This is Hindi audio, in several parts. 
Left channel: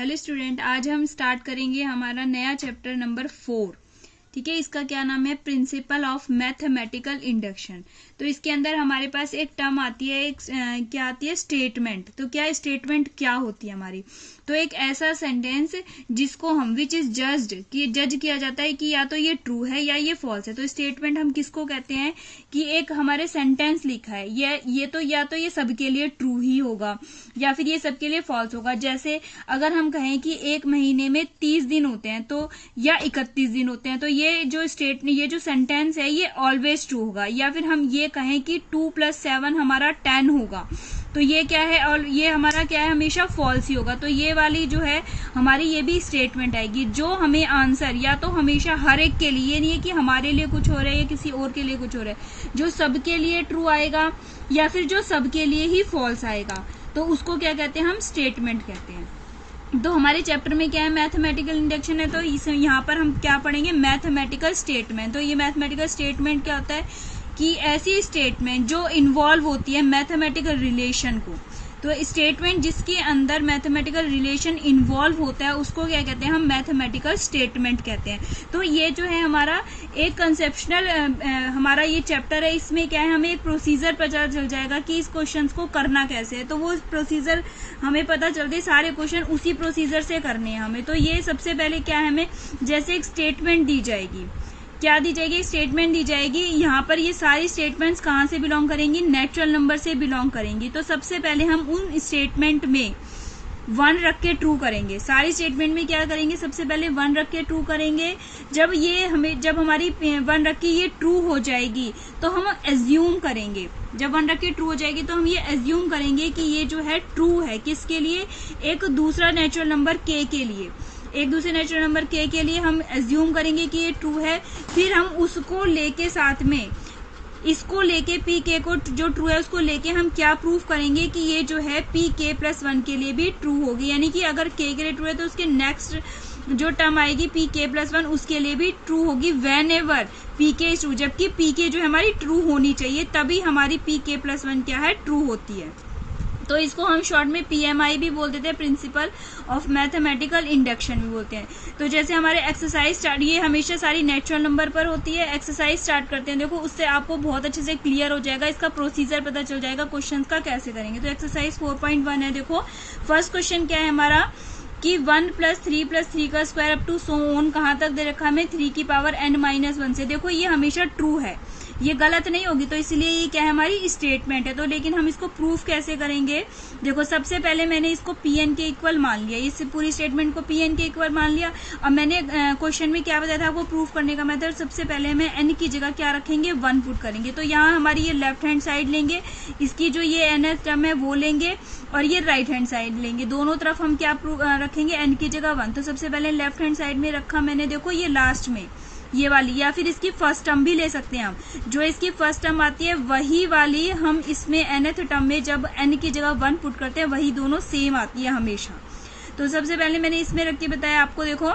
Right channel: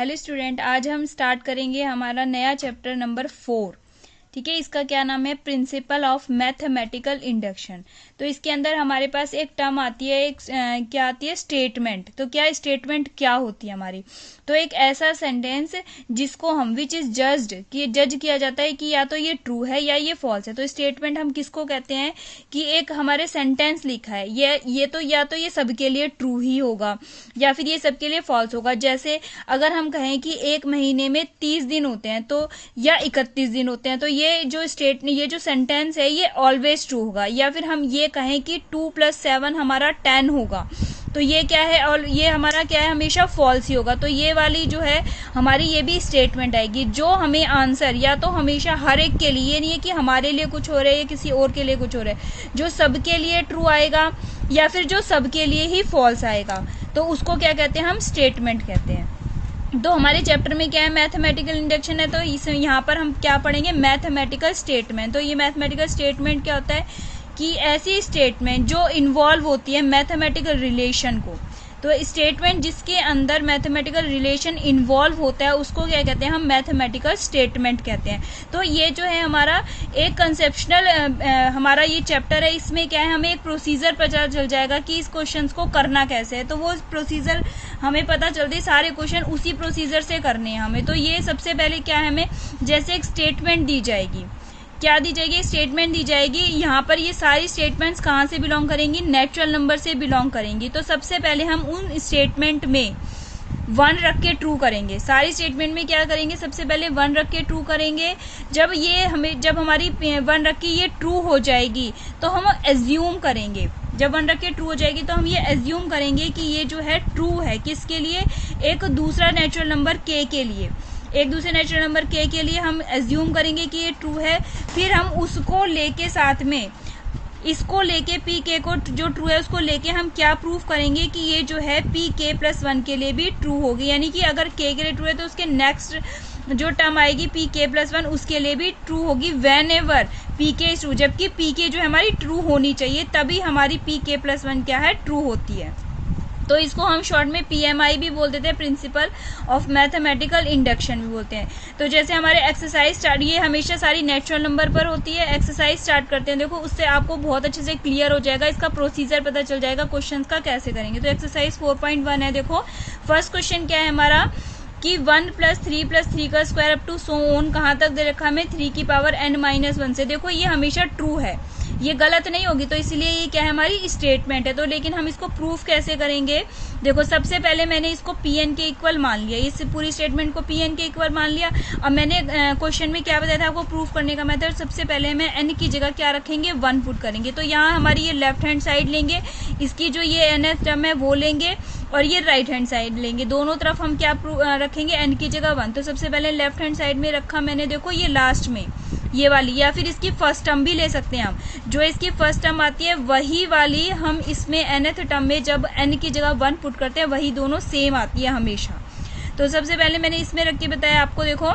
हेलो स्टूडेंट, आज हम स्टार्ट करेंगे हमारा नया चैप्टर नंबर 4। ठीक है, इसका क्या नाम है? Principle of mathematical induction. तो इसके अंदर हमारे पास एक टर्म आती है, क्या आती है? स्टेटमेंट। तो क्या स्टेटमेंट क्या होती है हमारी? तो एक ऐसा सेंटेंस जिसको हम विच इज जज्ड, कि जज किया जाता है कि या तो ये ट्रू है या ये फॉल्स है। तो स्टेटमेंट हम किसको कहते हैं? कि एक हमारे सेंटेंस लिखा है, ये तो या तो ये सबके लिए ट्रू ही होगा या फिर ये सबके लिए फॉल्स होगा। जैसे अगर हम कहें कि एक महीने में 30 दिन होते हैं तो या 31 दिन होते हैं, तो ये जो सेंटेंस है ये ऑलवेज ट्रू होगा। या फिर हम ये कहें कि 2 + 7 हमारा 10 होगा, तो ये क्या है? और ये हमारा क्या है? हमेशा फॉल्स ही होगा। तो ये वाली जो है हमारी, ये भी स्टेटमेंट आएगी जो हमें आंसर या तो हमेशा हर एक के लिए, नहीं है कि हमारे लिए कुछ हो रहा है या किसी और के लिए कुछ हो रहा है, जो सबके लिए ट्रू आएगा या फिर जो सबके लिए ही फॉल्स आएगा, तो उसको क्या कहते हैं? हम स्टेटमेंट कहते हैं। तो हमारे चैप्टर में क्या है? मैथमेटिकल इंडक्शन है। तो इस यहाँ पर हम क्या पढ़ेंगे? Mathematical statement. तो ये मैथमेटिकल स्टेटमेंट क्या होता है? कि ऐसी स्टेटमेंट जो इन्वॉल्व होती है मैथमेटिकल रिलेशन को। तो स्टेटमेंट जिसके अंदर मैथमेटिकल रिलेशन इन्वॉल्व होता है उसको क्या कहते हैं? हम मैथमेटिकल स्टेटमेंट कहते हैं। तो ये जो है हमारा एक कंसेप्शनल हमारा ये चैप्टर है। इसमें क्या है? हमें एक प्रोसीजर पता चल जाएगा कि इस क्वेश्चन को करना कैसे है। तो वो प्रोसीजर हमें पता चलती, सारे क्वेश्चन उसी प्रोसीजर से करने हैं हमें। तो ये सबसे पहले क्या है? हमें जैसे एक स्टेटमेंट दी जाएगी, क्या दी जाएगी? स्टेटमेंट दी जाएगी। यहाँ पर ये सारी स्टेटमेंट्स कहाँ से बिलोंग करेंगी? नेचुरल नंबर से बिलोंग करेंगी। तो सबसे पहले हम उन स्टेटमेंट में 1 रख के ट्रू करेंगे। सारी स्टेटमेंट में क्या करेंगे? सबसे पहले 1 रख के ट्रू करेंगे। जब हमारी 1 रख के ये ट्रू हो जाएगी तो हम एज्यूम करेंगे। जब 1 रख के ट्रू हो जाएगी तो हम ये एज्यूम करेंगे कि ये जो है ट्रू है। किसके लिए? एक दूसरा नेचुरल नंबर के के लिए। एक दूसरे नेचुरल नंबर के लिए हम एज्यूम करेंगे कि ये ट्रू है। फिर हम उसको लेके साथ में इसको लेके पी के को, जो ट्रू है उसको लेके हम क्या प्रूफ करेंगे? कि ये जो है पी के + 1 के लिए भी ट्रू होगी। यानी कि अगर के लिए ट्रू है तो उसके नेक्स्ट जो टर्म आएगी पी के + 1 उसके लिए भी ट्रू होगी। वेन एवर पी के इज ट्रू, जबकि पी के जो है हमारी ट्रू होनी चाहिए, तभी हमारी पी के + 1 क्या है? ट्रू होती है। तो इसको हम शॉर्ट में पीएमआई भी बोल देते हैं, प्रिंसिपल ऑफ मैथमेटिकल इंडक्शन भी बोलते हैं। तो जैसे हमारे एक्सरसाइज स्टार्ट, ये हमेशा सारी नेचुरल नंबर पर होती है। एक्सरसाइज स्टार्ट करते हैं, देखो उससे आपको बहुत अच्छे से क्लियर हो जाएगा, इसका प्रोसीजर पता चल जाएगा क्वेश्चन का कैसे करेंगे। तो एक्सरसाइज 4.1 है। देखो फर्स्ट क्वेश्चन क्या है हमारा? कि 1 + 3 + 3 का square up to so on कहाँ तक दे रखा हमें? 3 की पावर n-1 से। देखो ये हमेशा ट्रू है, ये गलत नहीं होगी, तो इसलिए ये क्या है? हमारी स्टेटमेंट है। तो लेकिन हम इसको प्रूफ कैसे करेंगे? देखो सबसे पहले मैंने इसको pn के इक्वल मान लिया, इस पूरी स्टेटमेंट को pn के इक्वल मान लिया। अब मैंने क्वेश्चन में क्या बताया था आपको प्रूफ करने का मेथड? सबसे पहले हमें n की जगह क्या रखेंगे? 1 पुट करेंगे। तो यहाँ हमारी ये लेफ्ट हैंड साइड लेंगे, इसकी जो ये nth टर्म है वो लेंगे, और ये राइट हैंड साइड लेंगे। दोनों तरफ हम क्या रखेंगे? n की जगह 1। तो सबसे पहले लेफ्ट हैंड साइड में रखा मैंने, देखो ये लास्ट में ये वाली, या फिर इसकी फर्स्ट टर्म भी ले सकते हैं हम। जो इसकी फर्स्ट टर्म आती है वही वाली हम इसमें nth टर्म में जब n की जगह 1 पुट करते हैं वही दोनों सेम आती है हमेशा। तो सबसे पहले मैंने इसमें रख के बताया आपको, देखो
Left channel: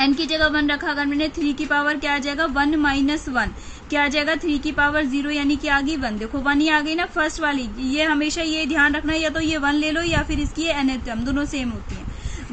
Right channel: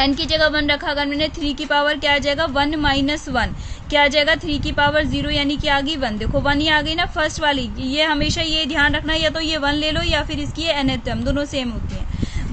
n की जगह 1 रखा, अगर मैंने 3 की पावर क्या आ जाएगा? 1 - 1 क्या आ जाएगा? 3 की पावर 0, यानी कि आ गई 1। देखो 1 ही आ गई ना फर्स्ट वाली। ये हमेशा ये ध्यान रखना, या तो ये 1 ले लो या फिर इसकी nth टर्म, दोनों सेम होती है।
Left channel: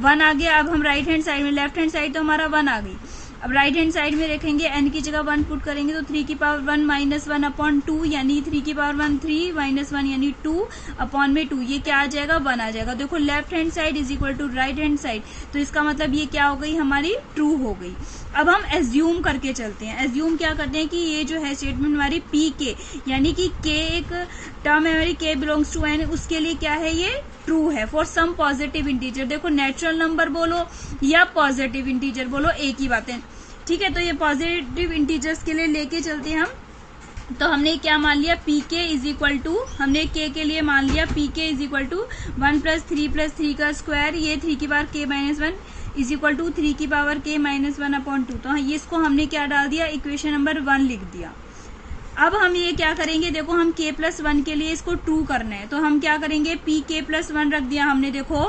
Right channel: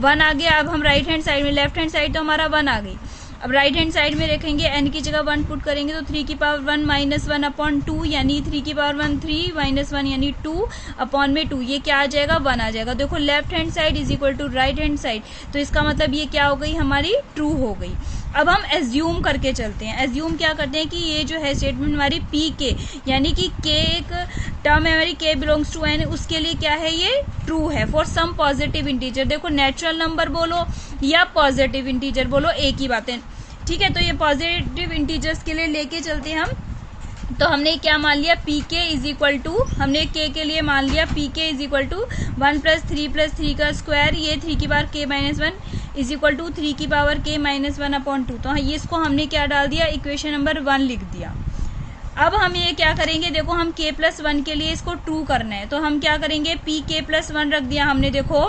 1 आ गया। अब हम राइट हैंड साइड में, लेफ्ट हैंड साइड तो हमारा 1 आ गई, अब राइट हैंड साइड में रखेंगे n की जगह 1 पुट करेंगे। तो 3 की पावर 1 - 1 अपॉन 2, यानी 3 की पावर 1 3 - 1 यानी 2 अपॉन में 2, ये क्या आ जाएगा? 1 आ जाएगा। देखो left hand side is equal to right hand side, तो इसका मतलब ये क्या हो गई? हमारी ट्रू हो गई। अब हम एज्यूम करके चलते हैं। एज्यूम क्या करते हैं? कि ये जो है स्टेटमेंट हमारी पी के, यानी कि के एक टर्म है हमारी, के बिलोंग्स टू एन, उसके लिए क्या है? ये ट्रू है फॉर सम पॉजिटिव इंटीजर। देखो नेचुरल नंबर बोलो या पॉजिटिव इंटीजर बोलो, एक ही बात है, ठीक है। तो ये पॉजिटिव इंटीजर्स के लिए लेके चलते हैं हम। तो हमने क्या मान लिया? पी के इज इक्वल टू, हमने के लिए मान लिया पी के इज इक्वल टू 1 + 3 + 3 का स्क्वायर, ये 3 की power k - 1 is equal to 3 की पावर k - 1 अपॉन 2। तो ये इसको हमने क्या डाल दिया? इक्वेशन नंबर 1 लिख दिया। अब हम ये क्या करेंगे? देखो हम k + 1 के लिए इसको ट्रू करना है, तो हम क्या करेंगे? पी के + 1 रख दिया हमने, देखो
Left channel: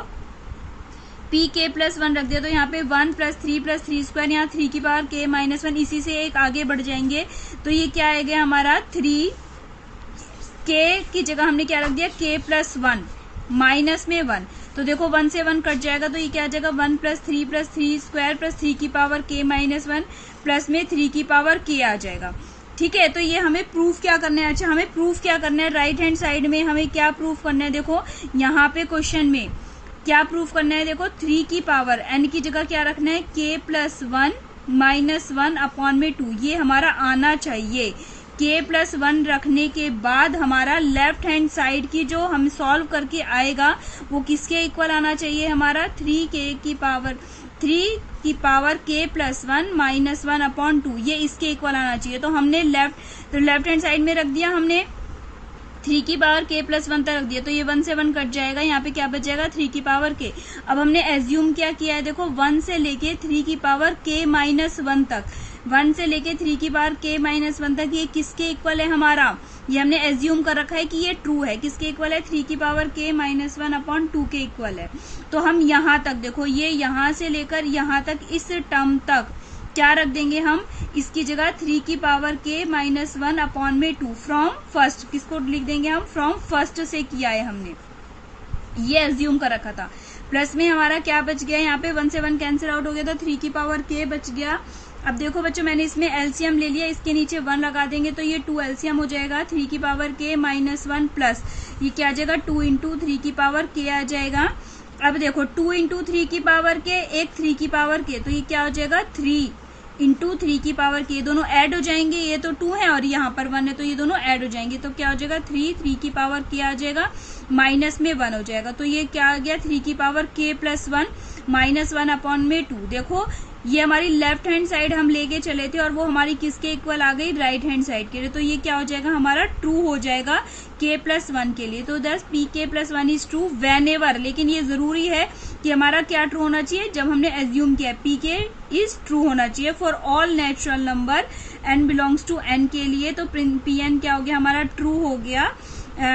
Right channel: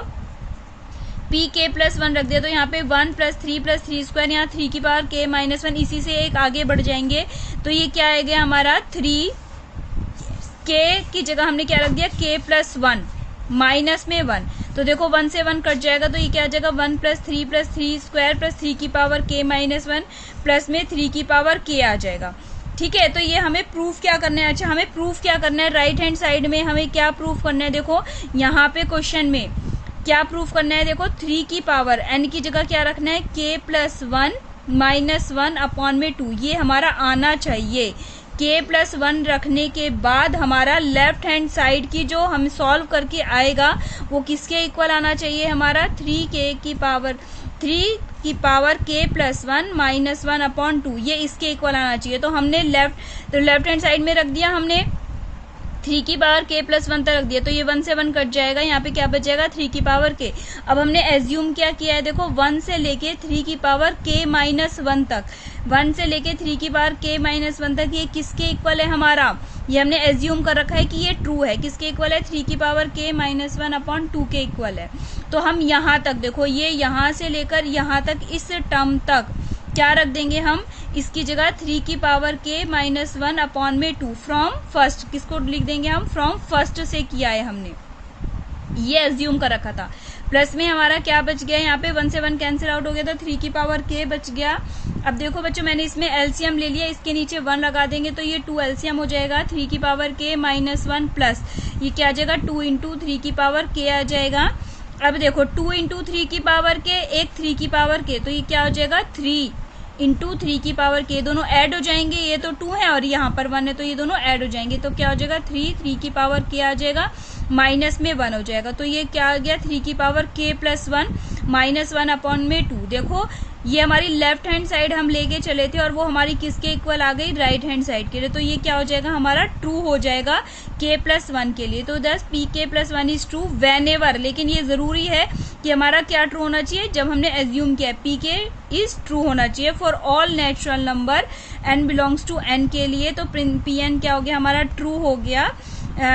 पी के + 1 रख दिया। तो यहाँ पे 1 + 3 + 3 स्क्वायर, यहाँ 3 की पावर k - 1, इसी से एक आगे बढ़ जाएंगे। तो ये क्या आएगा हमारा? 3 k की जगह हमने क्या रख दिया? k + 1 माइनस में 1। तो देखो 1 से 1 कट जाएगा तो ये क्या आ जाएगा 1 + 3 + 3 स्क्वायर प्लस 3 की पावर k - 1 प्लस में 3 की पावर k आ जाएगा। ठीक है, तो ये हमें प्रूफ क्या करना है। अच्छा, हमें प्रूफ क्या करना है, राइट हैंड साइड में हमें क्या प्रूफ करना है। देखो यहाँ पे क्वेश्चन में क्या प्रूफ करना है, देखो 3 की पावर n की जगह क्या रखना है k + 1 - 1 अपॉन में 2, ये हमारा आना चाहिए। k + 1 रखने के बाद हमारा लेफ्ट हैंड साइड की जो हम सॉल्व करके आएगा वो किसके इक्वल आना चाहिए, हमारा 3 की पावर k + 1 - 1 अपॉन 2, ये इसके इक्वल आना चाहिए। तो हमने लेफ्ट हैंड साइड में रख दिया हमने 3 की पावर k + 1 तक रख दिया, तो ये 1 से 1 कट जाएगा, यहाँ पे क्या बच जाएगा 3 की पावर k। अब हमने एज्यूम क्या किया है, देखो 1 से लेके 3 की पावर k - 1 तक, 1 से लेके 3 की पावर k - 1 तक ये किसके इक्वल है हमारा, ये हमने एज्यूम कर रखा है कि ये ट्रू है। किसके इक्वल है, 3 की पावर k - 1 अपॉन 2 के इक्वल है। तो हम यहाँ तक देखो, ये यहाँ से लेकर यहाँ तक इस टर्म तक क्या रख देंगे हम, इसकी जगह 3 की पावर k - 1 अपॉन में 2 फ्रॉम फर्स्ट, किसको लिख देंगे हम, फ्रॉम फर्स्ट से किया है हमने, ये एज्यूम कर रखा था। प्लस में हमारा क्या बच गया, यहाँ पे 1 से 1 कैंसिल आउट हो गया, तो 3 की पावर k बच गया। अब देखो बच्चों मैंने इसमें एलसीएम ले लिया, इसके नीचे 1 लगा देंगे तो ये 2 एलसीएम हो जाएगा, 3 की पावर k - 1 प्लस ये क्या आ जाएगा 2 × 3 की पावर k आ जाएगा। अब देखो 2 × 3 की पावर k, एक 3 की पावर k, तो ये क्या हो जाएगा 3 × 3 की पावर k, दोनों ऐड हो जाएंगे, ये तो 2 है और यहाँ पर 1 है तो ये दोनों ऐड हो जाएंगे, तो क्या हो जाएगा 3 की पावर k आ जाएगा, माइनस में 1 हो जाएगा, तो ये क्या आ गया 3 की पावर k + 1 - 1 अपॉन में 2। देखो ये हमारी लेफ्ट हैंड साइड हम लेके चले थे और वो हमारी किसके इक्वल आ गई, राइट हैंड साइड के लिए, तो ये क्या हो जाएगा हमारा ट्रू हो जाएगा k + 1 के लिए। तो दस pk + 1 is true when ever, लेकिन ये जरूरी है कि हमारा क्या ट्रू होना चाहिए, जब हमने एज्यूम किया pk इज ट्रू होना चाहिए for all natural number n belongs to n के लिए, तो pn क्या हो गया हमारा ट्रू हो गया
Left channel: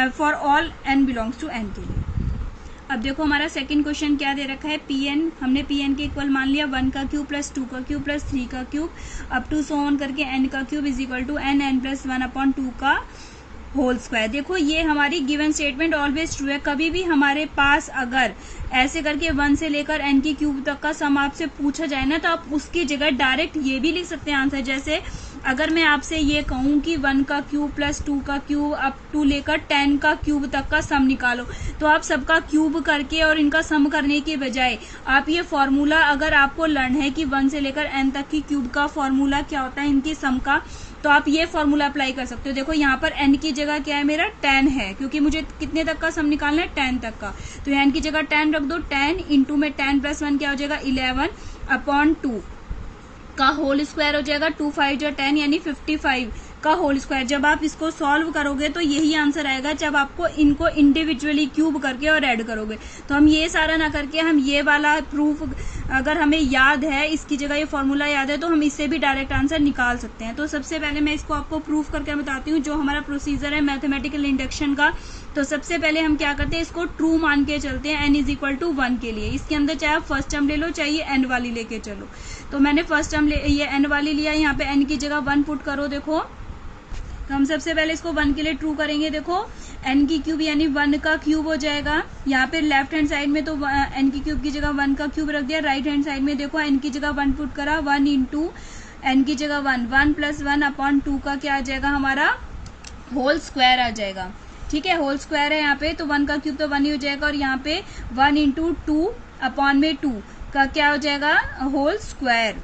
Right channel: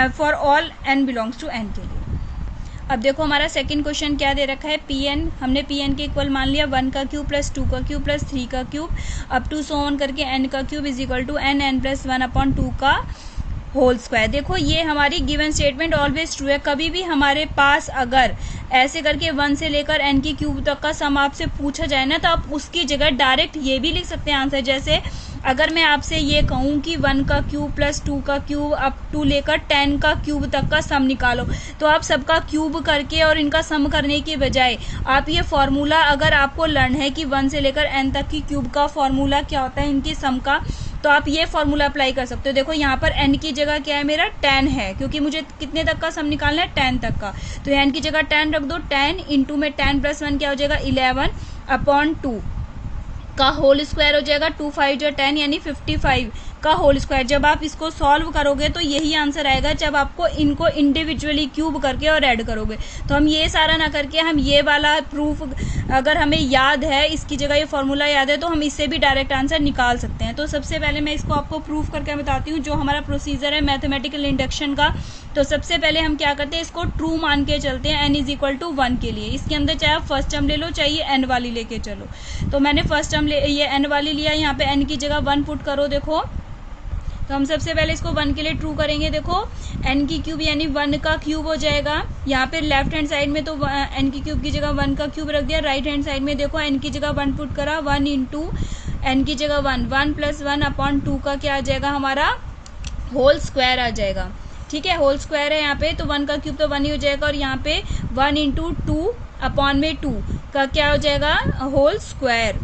for all n belongs to n के लिए। अब देखो हमारा सेकंड क्वेश्चन क्या दे रखा है, pn, हमने pn के इक्वल मान लिया 1 का क्यूब + 2 का क्यूब + 3 का cube up to so on करके n का cube is equal to n + 1 upon 2 का होल स्क्वायर। देखो ये हमारी गिवन स्टेटमेंट ऑलवेज ट्रू है, कभी भी हमारे पास अगर ऐसे करके 1 से लेकर n की क्यूब तक का सम आपसे पूछा जाए ना, तो आप उसकी जगह डायरेक्ट ये भी लिख सकते हैं आंसर। जैसे अगर मैं आपसे ये कहूँ कि 1 का क्यूब + 2 का क्यूब अप टू लेकर 10 का क्यूब तक का सम निकालो, तो आप सबका क्यूब करके और इनका सम करने के बजाय आप ये फॉर्मूला, अगर आपको लर्न है कि 1 से लेकर n तक की क्यूब का फॉर्मूला क्या होता है इनकी सम का, तो आप ये फॉर्मूला अप्लाई कर सकते हो। देखो यहाँ पर n की जगह क्या है मेरा 10 है, क्योंकि मुझे कितने तक का सम निकालना है 10 तक का, तो n की जगह 10 रख दो, 10 इंटू में 10 + 1 क्या हो जाएगा 11 अपॉन 2 का होल स्क्वायर हो जाएगा, 2 5 जो 10 यानी 55 का होल स्क्वायर। जब आप इसको सॉल्व करोगे तो यही आंसर आएगा जब आपको इनको इंडिविजुअली क्यूब करके और ऐड करोगे। तो हम ये सारा ना करके हम ये वाला प्रूफ, अगर हमें याद है इसकी जगह ये फॉर्मूला याद है, तो हम इससे भी डायरेक्ट आंसर निकाल सकते हैं। तो सबसे पहले मैं इसको आपको प्रूफ करके बताती हूँ, जो हमारा प्रोसीजर है मैथमेटिकल इंडक्शन का। तो सबसे पहले हम क्या करते हैं, इसको ट्रू मान के चलते हैं n = 1 के लिए। इसके अंदर चाहे आप फर्स्ट टर्म ले लो, चाहे ये n वाली लेके चलो। तो मैंने फर्स्ट टर्म ये n वाली लिया, यहाँ पे n की जगह 1 पुट करो। देखो तो हम सबसे पहले इसको 1 के लिए ट्रू करेंगे। देखो n की क्यूब यानी 1 का क्यूब हो जाएगा, यहाँ पे लेफ्ट हैंड साइड में तो n की क्यूब की जगह 1 का क्यूब रख दिया, राइट हैंड साइड में देखो n की जगह 1 पुट करा, 1 इंटू n की जगह 1 + 1 अपॉन 2 का क्या आ जाएगा हमारा होल स्क्वायर आ जाएगा। ठीक है, होल स्क्वायर है यहाँ पे, तो 1 का क्यूब तो 1 ही हो जाएगा, और यहाँ पे 1 × 2 अपॉन में 2 का क्या हो जाएगा होल स्क्वायर,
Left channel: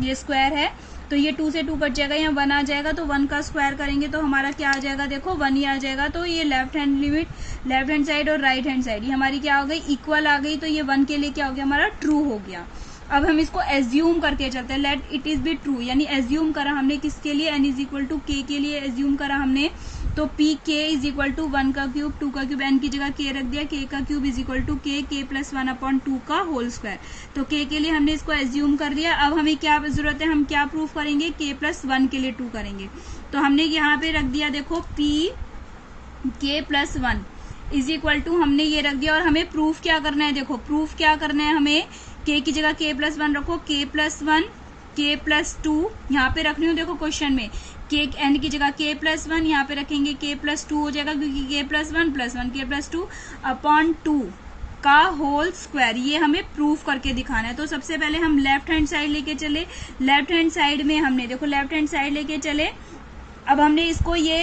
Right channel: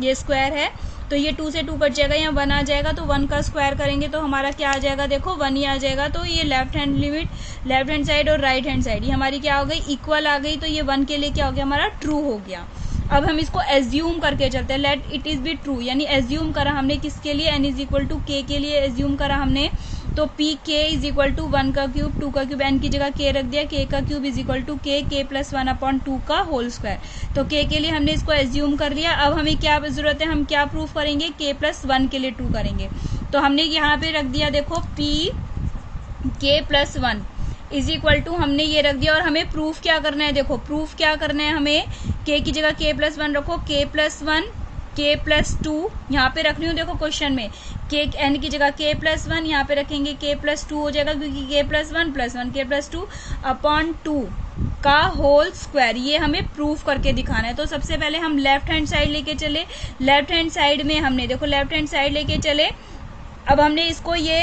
ये स्क्वायर है तो ये 2 से 2 कट जाएगा, यहाँ 1 आ जाएगा, तो 1 का स्क्वायर करेंगे तो हमारा क्या आ जाएगा, देखो 1 ही आ जाएगा। तो ये left hand limit, left hand side और राइट हैंड साइड ये हमारी क्या हो गई इक्वल आ गई, तो ये 1 के लिए क्या हो गया हमारा ट्रू हो गया। अब हम इसको एज्यूम करके चलते हैं, let it is be true, यानी एज्यूम करा हमने किसके लिए, n = k के लिए एज्यूम करा हमने। तो pk = 1 का क्यूब 2 का क्यूब, n की जगह k रख दिया, k का क्यूब = k + 1 अपॉन 2 का होल स्क्वायर। तो k के लिए हमने इसको एज्यूम कर लिया। अब हमें क्या जरूरत है, हम क्या प्रूफ करेंगे, k + 1 के लिए ट्रू करेंगे। तो हमने यहाँ पे रख दिया, देखो k + 1 = हमने ये रख दिया, और हमें प्रूफ क्या करना है, देखो प्रूफ क्या करना है हमें, k की जगह k + 1 रखो, k + 1 k + 2 यहाँ पे रख रही हूँ, देखो क्वेश्चन में के एन की जगह k प्लस 1, यहाँ पे रखेंगे k प्लस 2 हो जाएगा, क्योंकि k plus 1 plus 1 k plus 2 upon 2 का होल स्क्वायर, ये हमें प्रूफ करके दिखाना है। तो सबसे पहले हम लेफ्ट हैंड साइड लेके चले, लेफ्ट हैंड साइड में हमने देखो लेफ्ट हैंड साइड लेके चले, अब हमने इसको ये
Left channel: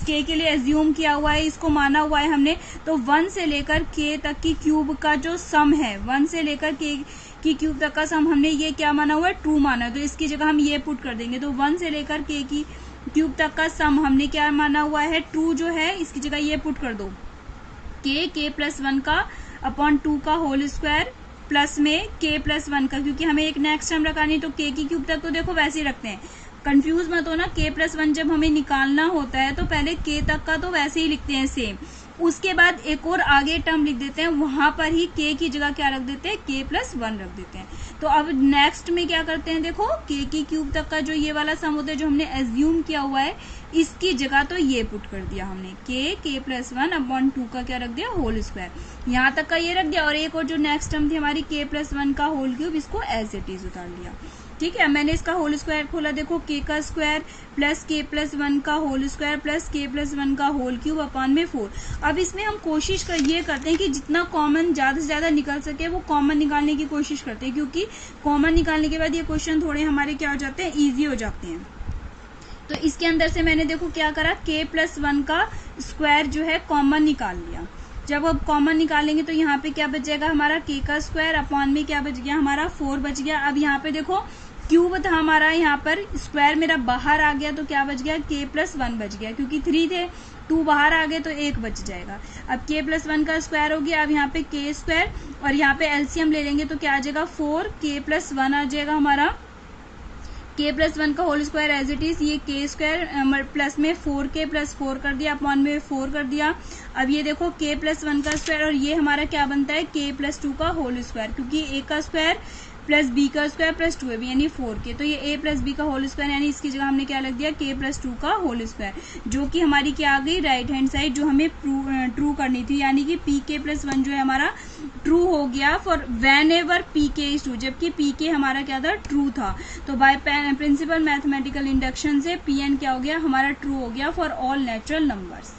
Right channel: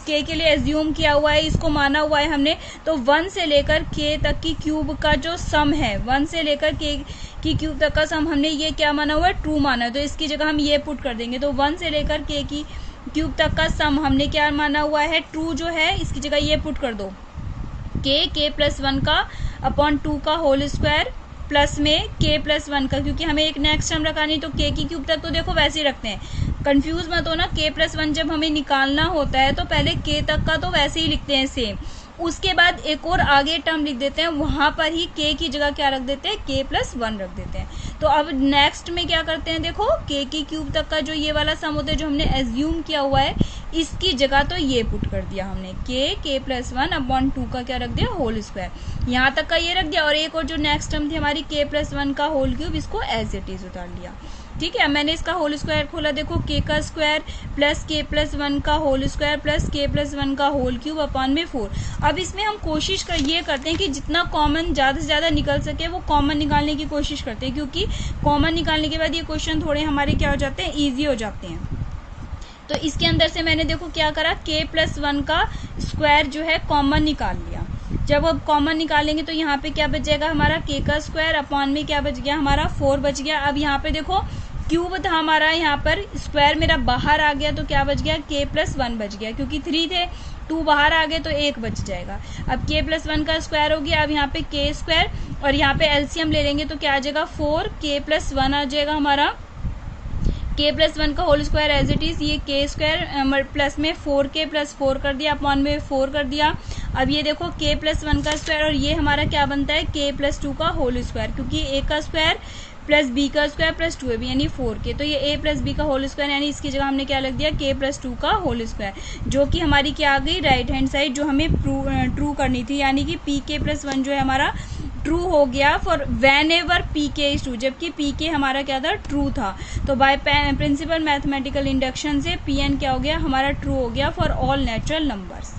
k के लिए एज्यूम किया हुआ है, इसको माना हुआ है हमने, तो 1 से लेकर k तक की क्यूब का जो सम है, 1 से लेकर k की क्यूब तक का सम हमने ये क्या माना हुआ है, ट्रू माना है, तो इसकी जगह हम ये पुट कर देंगे। तो 1 से लेकर k की क्यूब तक का सम हमने क्या माना हुआ है, ट्रू जो है, इसकी जगह ये पुट कर दो, k प्लस 1 का अपॉन 2 का होल स्क्वायर प्लस में k प्लस 1 का, क्योंकि हमें एक नेक्स्ट टर्म रखा नहीं, तो k की क्यूब तक तो देखो वैसे ही रखते हैं, कंफ्यूज मत हो ना। k प्लस 1 जब हमें निकालना होता है तो पहले k तक का तो वैसे ही लिखते हैं सेम, उसके बाद एक और आगे टर्म लिख देते हैं, वहां पर ही k की जगह क्या रख देते हैं, k प्लस 1 रख देते हैं। तो अब नेक्स्ट में क्या करते हैं, देखो k की क्यूब तक का जो ये वाला सम होता है जो हमने एज्यूम किया हुआ है, इसकी जगह तो ये पुट कर दिया हमने, k प्लस 1 अपॉन 2 का क्या रख दिया, होल स्क्वायर, यहाँ तक का ये रख दिया, और एक और जो नेक्स्ट टर्म थी हमारी k प्लस 1 का होल क्यूब, इसको एज इट इज उतार लिया। ठीक है, मैंने इसका होल स्क्वायर खोला, देखो k का स्क्वायर प्लस k प्लस 1 का whole square plus k plus 1 का होल क्यूब अपॉन में 4। अब इसमें हम कोशिश ये करते हैं कि जितना कॉमन ज्यादा से ज्यादा निकल सके वो कॉमन निकालने की कोशिश करते हैं, क्योंकि कॉमन निकालने के बाद ये क्वेश्चन थोड़े हमारे क्या हो जाते हैं, ईजी हो जाते हैं। तो इसके अंदर से मैंने देखो क्या करा, k प्लस 1 का स्क्वायर जो है कॉमन निकाल लिया। जब अब कॉमन निकालेंगे तो यहाँ पे क्या बच जाएगा हमारा, k का स्क्वायर अपॉन में क्या बच गया हमारा, 4 बच गया। अब यहाँ पे देखो क्यूब था हमारा, यहाँ पर स्क्वायर मेरा बाहर आ गया, तो क्या बच गया, k प्लस 1 बच गया, क्योंकि 3 थे, 2 बाहर आ गए तो 1 बच जाएगा। अब k प्लस 1 का स्क्वायर हो गया, अब यहाँ पे k स्क्वायर और यहाँ पे एलसीएम ले लेंगे तो क्या आ जाएगा, 4k प्लस 1 आ जाएगा हमारा, k प्लस 1 का whole square as it is, ये k स्क्वायर प्लस में 4k प्लस 4 कर दिया अपॉन में 4 कर दिया। अब ये देखो k प्लस 1 का स्क्वायर और ये हमारा क्या बनता है, k प्लस 2 का होल स्क्वायर, क्योंकि a का स्क्वायर प्लस b का स्क्वायर प्लस 2ab यानी 4k, तो ये a प्लस b का होल स्क्वायर, यानी इसकी जगह हमने क्या लिख दिया, k प्लस 2 का होल स्क्वायर, जो कि हमारी क्या आ गई, राइट हैंड साइड जो हमें ट्रू करनी थी, यानी कि pk प्लस 1 जो है हमारा ट्रू हो गया for when ever pk is true, जबकि pk हमारा क्या था, ट्रू था। तो बाय प्रिंसिपल मैथमेटिकल इंडक्शन से pn क्या हो गया हमारा, ट्रू हो गया फॉर ऑल नेचुरल नंबर्स।